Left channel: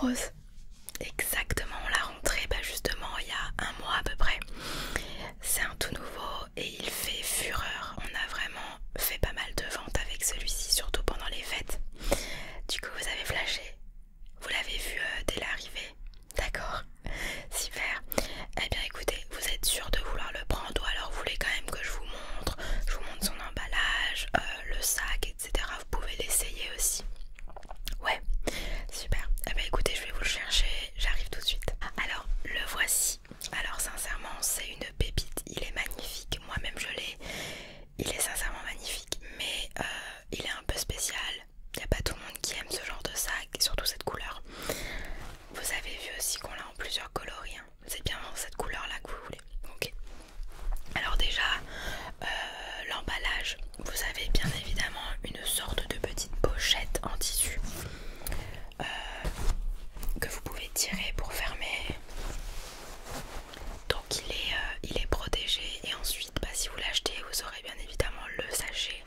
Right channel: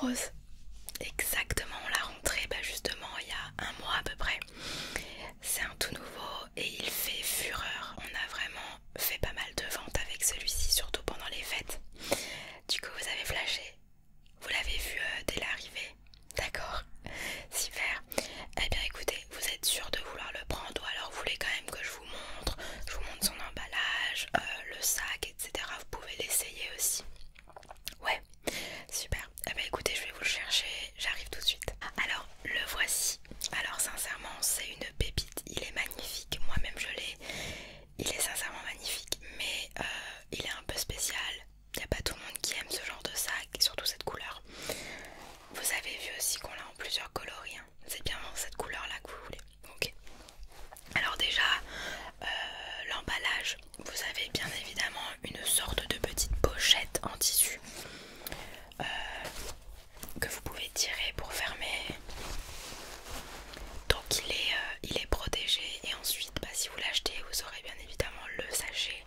rose. Exactement, on l'a rentré justement il y a un mois à peu près. C'est un tout nouveau et il fait fureur. On a vraiment fait pas mal de ventes avec celui-ci, surtout pendant les fêtes. Du coup vous avez flashé. Vous l'avez vu dès l'arrivée. D'accord, super. Eh bien écoutez, vous êtes sûr de vouloir le prendre ou alors vous voulez quand même que je vous montre son emballage, le sac, etc. Vous pouvez l'essayer aussi. Ouais, super. Eh bien écoutez, je vais vous le chercher, j'arrive tout de suite. Alors, le voici. Alors sincèrement, c'est une pépite, il est magnifique. Moi-même je l'ai. Il est sincèrement magnifique, mais il est un peu spécial. Il n'y a pas tout le monde qui aime ce genre de sac, et surtout cette couleur. Vous avez vu aussi qu'on l'a en plusieurs coloris, hein. C'est bien cette couleur là que vous voulez. Ok. Alors déjà, l'emballage, vous avez bien évidemment une sorte de petite pochette en tissu que vous pouvez tirer pour fermer. Donc il est protégé et ensuite si vous l'achetez vous aurez bien évidemment le sachet.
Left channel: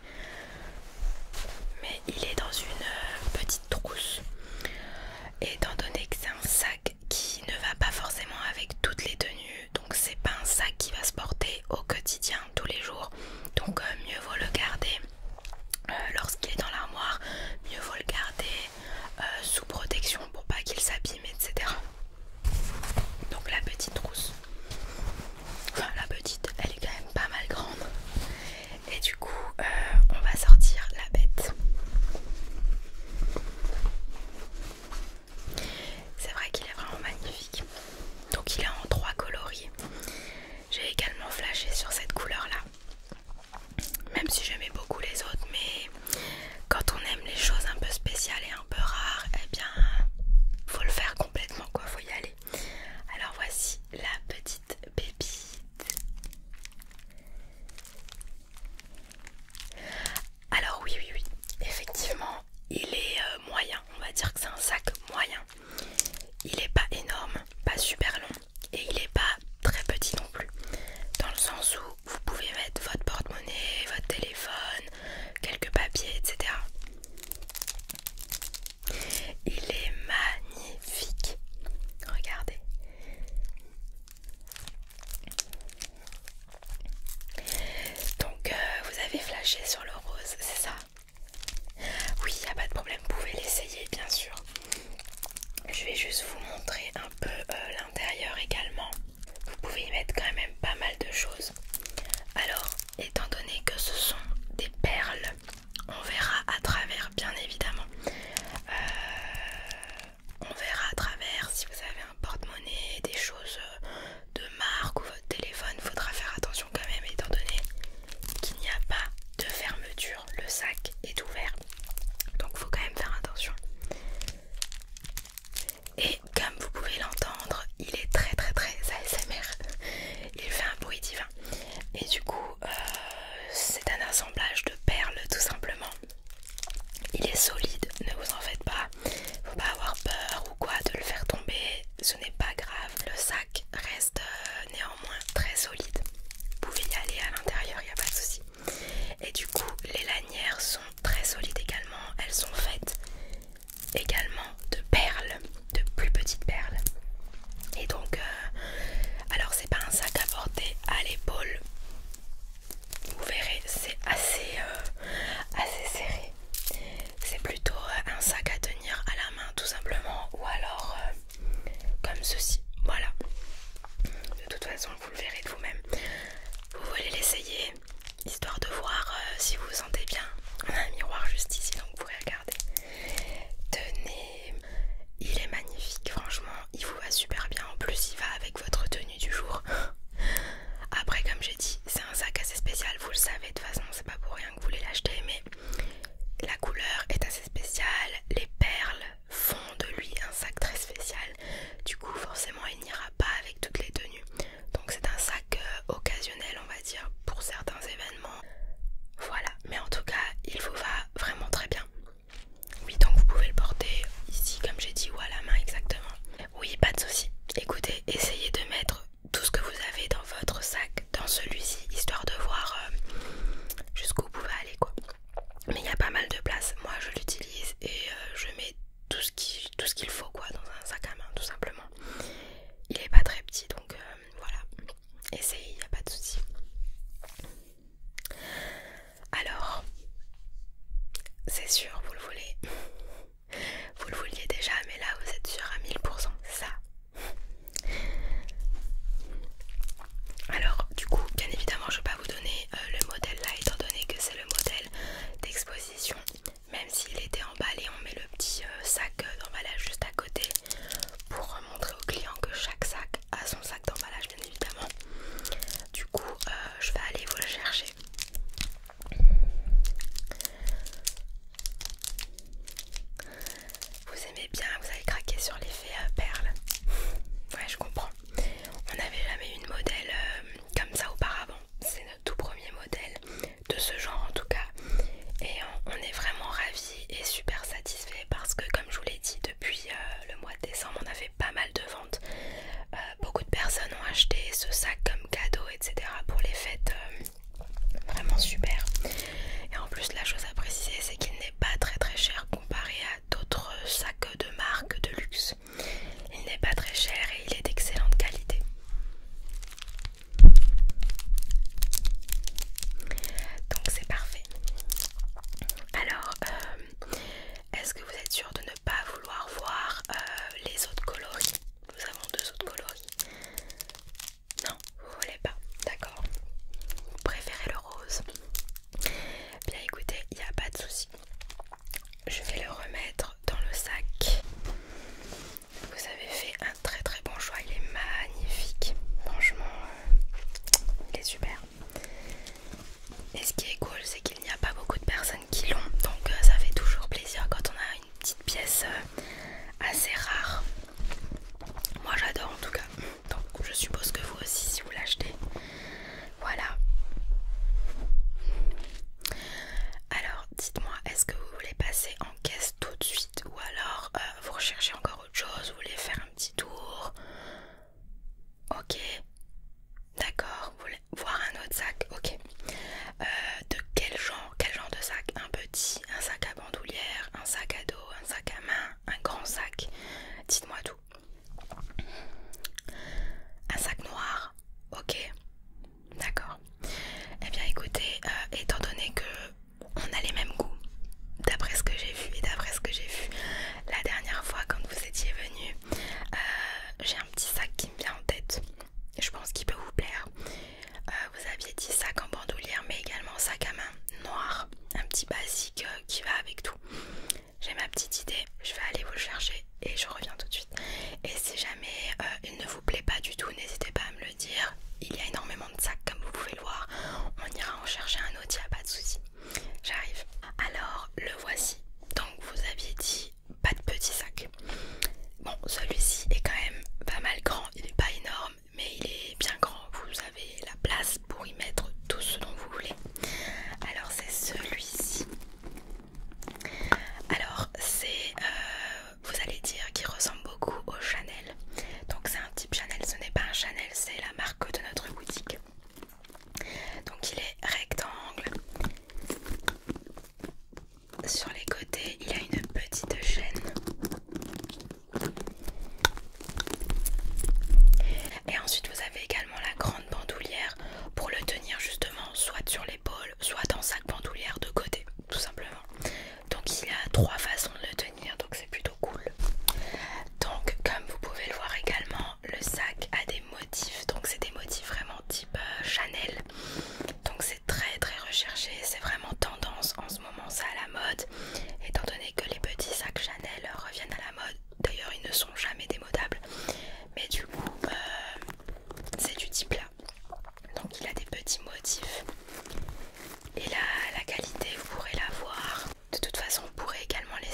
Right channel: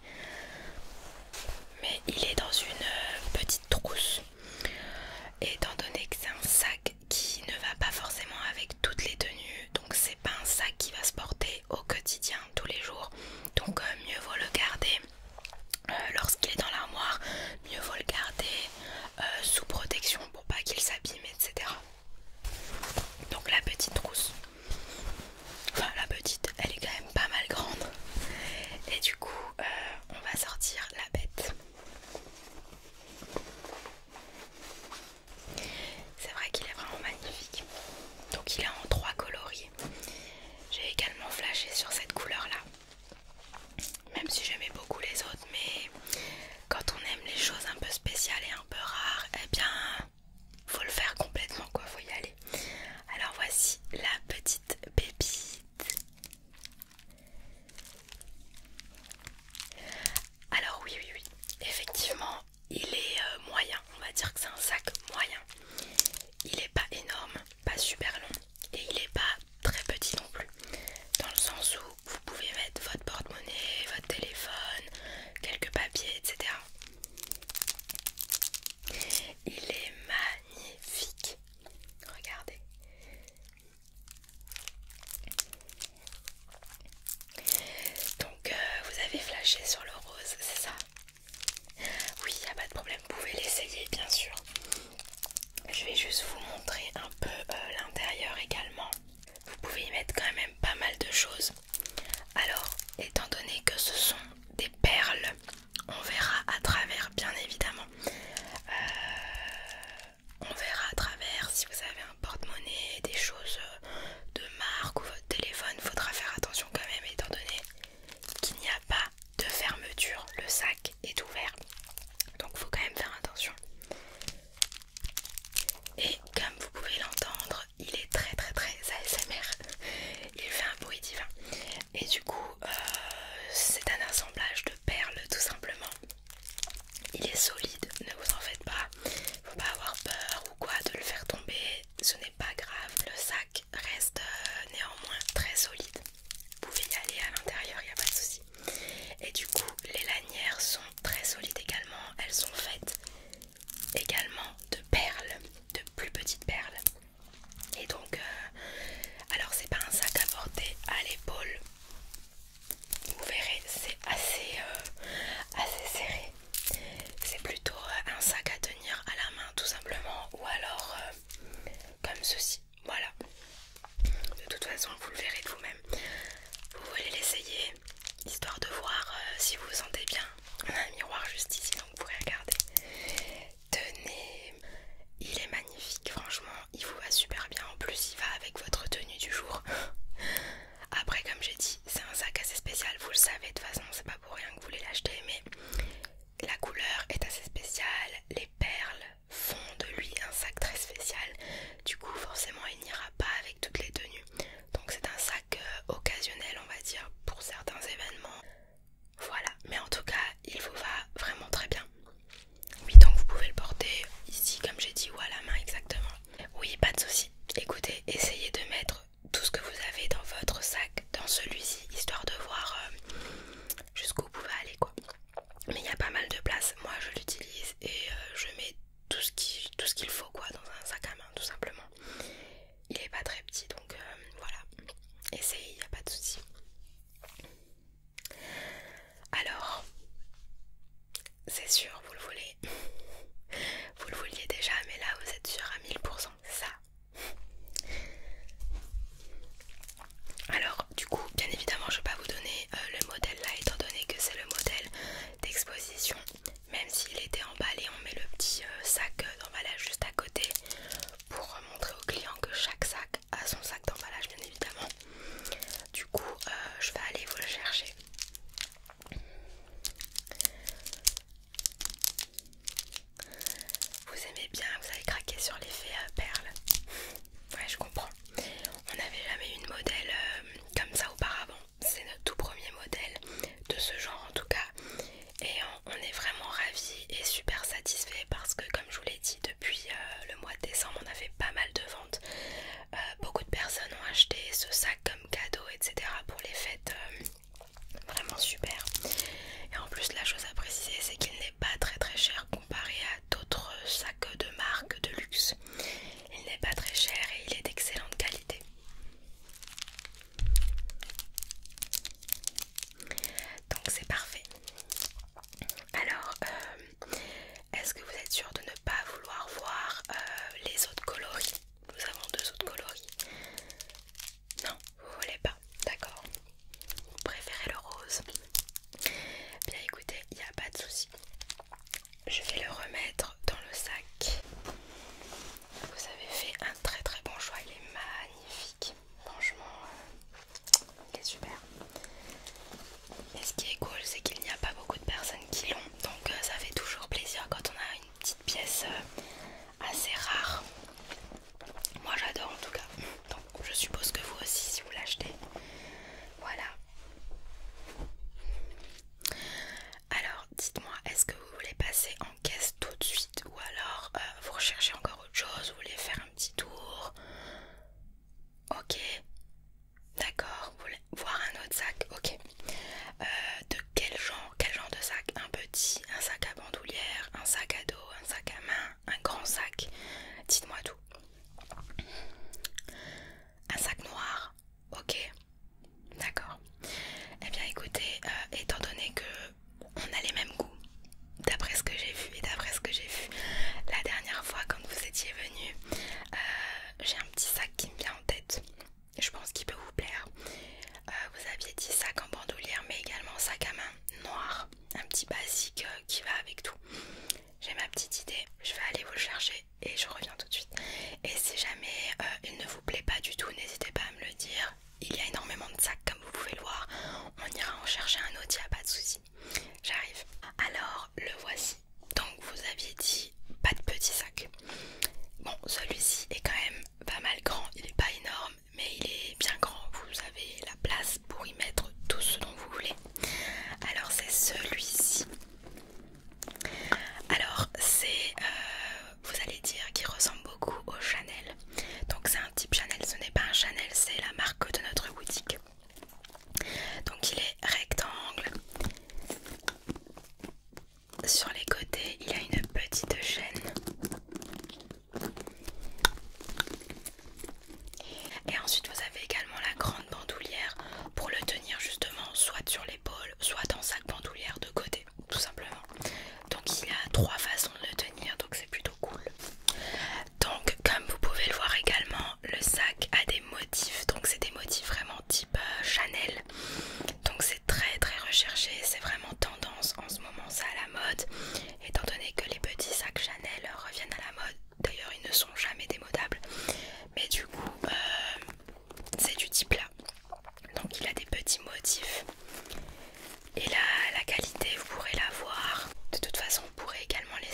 Mais il est dans une petite trousse. Et étant donné que c'est un sac qui ne va pas forcément avec toutes les tenues, donc c'est pas un sac qui va se porter au quotidien tous les jours, donc mieux vaut le garder lorsqu'il est dans l'armoire, mieux vaut le garder sous protection pour pas qu'il s'abîme, etc. Donc la petite trousse, enfin la petite, elle est quand même pas mal grande. Et du coup on va sortir la bête. C'est vrai qu'il est vraiment magnifique. Donc il est en 3 coloris. J'ai également flashé sur cette couleur là, même si j'aimais beaucoup les autres, mais quand on aime les choses un peu spéciales et un peu rares, eh bien faut le faire complètement quoi, faut y aller. Alors voici la petite pépite. Alors oui, effectivement il est moyen, on va dire que c'est un sac moyen. Il est pas énorme, pas super long et il est pas très petit non plus, dans le sens où vous pouvez mettre votre porte-monnaie, votre téléphone, quelques papiers, etc. Il est magnifique, regardez. Donc vous avez flashé sur le rose, c'est ça? Oui, il n'y a pas de problème, vous pouvez l'essayer bien sûr. Je vais juste vous montrer un peu l'intérieur également. Vous pouvez y mettre quand même pas mal de choses. Alors, étant donné que ce sont des perles, on verra à travers bien évidemment. On verra à travers si vous avez un porte-monnaie, des choses de marque ou votre téléphone. Faudra faire attention quand même étant donné qu'il n'y a pas de fermeture. Le sac est ouvert. Donc faut quand même faire attention. Et comme vous pouvez l'entendre, il est très ASMR. Il fait un bruit divin. Et du coup, c'est un assemblage de perles tout simplement. Il est solide, ne vous en faites pas. Faut pas avoir peur ou quoi de le faire tomber. Ce n'est pas grave, le sac reste néanmoins très solide. Vous pouvez y aller à l'intérieur, il n'y a pas de souci. Et du coup, les lanières sont très solides également. c'est sûr, vous le voulez. Vous le vouliez déjà, mais là vous êtes sûr à 1000%, c'est ça. Alors du coup, bien évidemment, je ne vais pas vous donner le modèle là, étant donné que c'est le modèle d'exposition. Même s'il était emballé, on met le petit sac d'emballage juste à côté pour montrer aux clients que chaque sac a son sac d'emballage, bien évidemment. Du coup, je vais aller vous le chercher. Vous aimez bien, vous avez craqué sur l'effet perle. Ouais, je comprends. On n'avait jamais eu une modèle comme ça auparavant. C'est notre tout premier modèle de ce genre en tout cas. Et on est vraiment ravis et super satisfaits parce que, comme je vous l'ai dit, depuis le mois de décembre, on a fait pas mal de ventes. Beaucoup de personnes ont acheté ce sac comme cadeau, etc. pour les fêtes. Vraiment super. Et en plus, la chose à préciser, c'est qu'il n'est pas très très cher comparé à d'autres sacs de marque de luxe. Il n'est pas très cher et il est d'excellente qualité. Donc c'est parfait. Alors, est-ce que vous êtes sûr de ne pas vouloir voir les autres coloris? Nous avons 2 autres coloris. Non, vous voulez pas, d'accord. Vous préférez le rose. Bien écoutez, il n'y a pas de souci. Je vais le remettre dans le sac. Vous avez fait un très très bon choix, il est magnifique. Franchement, il est super. Et ce qui est cool, c'est qu'il n'y a pas beaucoup de personnes qui l'ont. Donc ça fait toujours plaisir quand on a une petite pièce assez rare. Moi j'adore en tout cas. Donc je suppose que vous aussi si vous l'achetez. Voilà. Alors dites-moi, est-ce que vous voulez passer en caisse tout de suite ou alors vous recherchez encore autre chose, vous voulez faire un petit tour? Ok, d'accord, vous voulez voir un autre sac? Ok. De quel genre de sac? Un petit, un sac à bandoulière, un sac à dos, un sac à main, un grand sac? Dites-moi tout. Un sac noir? Ok, d'accord. Eh bien écoutez, étant donné que on a les mêmes goûts, d'après ce que j'ai vu et d'après ce que j'ai vu la dernière fois quand vous étiez venu, j'ai un petit sac qui me vient en tête. Je pense qu'il peut vous plaire. Vous aviez dit sac en bandoulière mais également sac à main noir, un petit basique qui va avec tout. J'ai ma petite idée, je vais aller vous le chercher et je reviens tout de suite. Et si jamais il ne vous plaît pas du tout, n'hésitez pas à me le dire. Il y a énormément de sacs comme vous pouvez le voir. On ira en chercher un autre, il n'y a pas de souci. J'arrive. Alors le voici. Donc vous aviez dit pas de petit sac. Bon, celui-ci est quand même pas mal grand. Il n'est pas énorme mais il est bien grand. Vous avez la place pour y mettre tout ce dont vous voulez. Alors c'est celui-ci. Alors c'est, vous allez dire qu'il ressemble beaucoup au Chanel. Donc c'est un type Chanel, ce n'est pas un Chanel, c'est la marque de notre boutique. Donc il est rectangle. Sur les côtés, il y a une petite chaîne. Et ensuite vous avez également la grande bandoulière pour le tenir justement soit sur l'épaule, soit dans sac bandoulière de côté, tout simplement. Donc il y a 3 façons de le tenir, donc c'est plutôt cool. Donc comme vous pouvez le voir également, le sac a des motifs, donc c'est des motifs vraiment type Chanel. Donc c'est très très recherché, c'est vraiment tendance en ce moment, ça à la mode. Étant donné que les petits sacs Chanel reviennent à la mode, d'ailleurs ils ne sont jamais démodables. Mais du coup c'est du type là. Donc il a des petits motifs. Et là la qualité vous pourrez la voir. De toute façon vous pourrez également les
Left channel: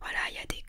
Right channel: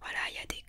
voilà, il y a des